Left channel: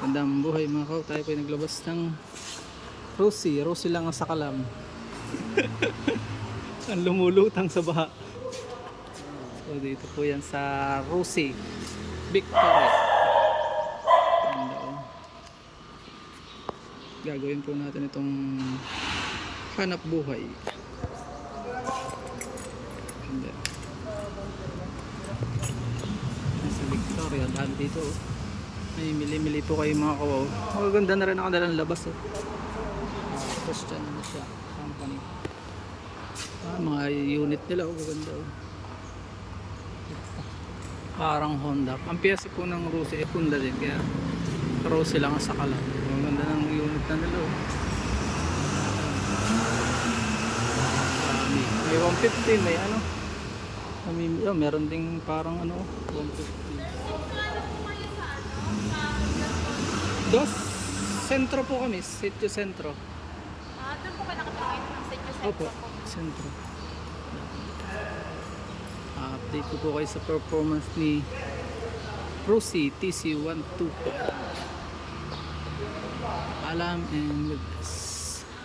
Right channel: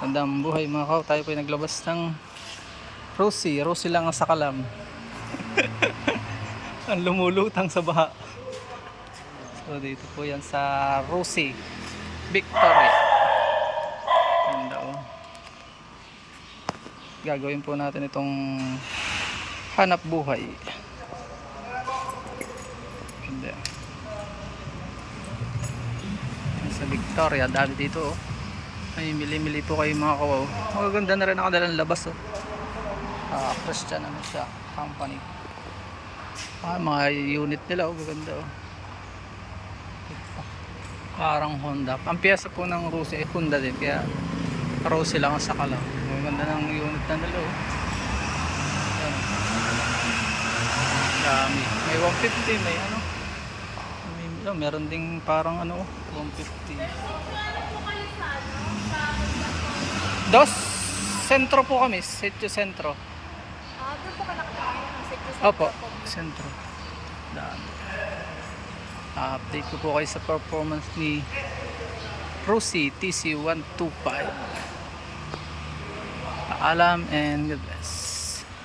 Gandang buhay mga kaw. Tayo po ay naglabas ng Rosie. Rosie lang ang sakalam. Ang lumulutang sa baha. So dito po yan sa Rosie Victoria. Ganda oh. Gagawin po natin itong hanap buhay. Ganda. Sa Victoria, dami dito oh. Ay, mili-mili po kayo mga kawaw. Magaganda na rin ang kanilang labas oh. Christian ano siya, company. Mga unit nila oh, gaganda oh. Parang Honda. Ang piyesa po ng Rosie ay Honda din, kaya Rosie lang ang sakalam. Maganda ng unit na nila oh. Dami. May 150, may ano. Meron ding parang ano 150. Dos sentro po kami, Sitio Sentro. Doon po kayo nakapagkain ng Sitio Sentro? Opo, Sentro. Dami. Update ko po kayo sa performance ni Rosie TC125. Paalam and good.